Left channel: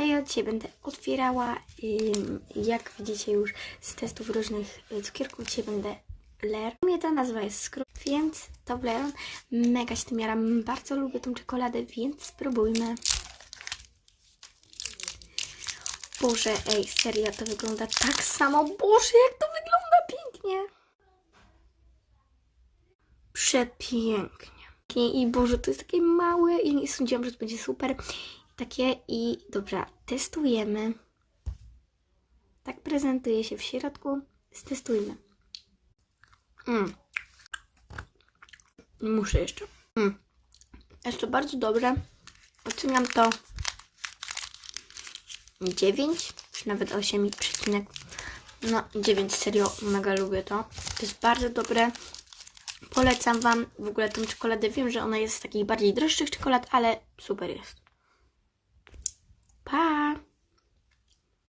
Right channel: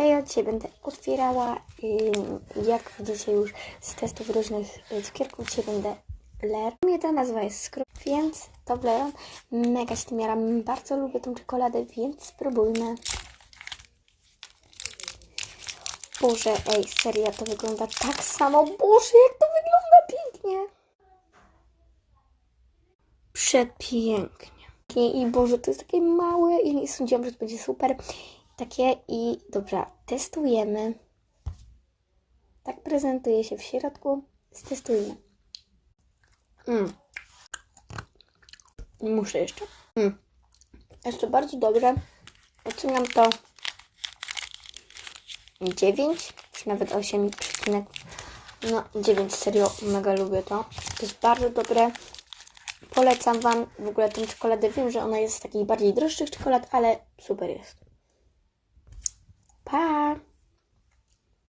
Hej, dzisiaj będę otwierała, jak widzicie już z testów różnych y, cukierków, dzisiaj będę Blair. Mnie ta nazwa jest skrót, więc to Blair. Mega się tym jaram, bardzo lubię tą czekoladę, więc spróbujmy. Boże, ej, serio, to wygląda tak samo. Boże, jak to wygląda pięknie. Przepięknie. I Boże, to jest takie małe i nie sądziłam, że to będzie super. Takie i dobra, testujemy. Tak prezentuje się w środku. Stestujmy. Mm. Muszę jeszcze. Mm. Jest to bardzo dobre. Oceniam to 9, czy nawet 8 przecinek. No, 9 serio, mega lubię to. To jest bardzo dobre. Polecam Wam w ogóle tą czekoladę. Wiem, że ona jest z takich bardziej droższych czekolad, ale super jest. Bye.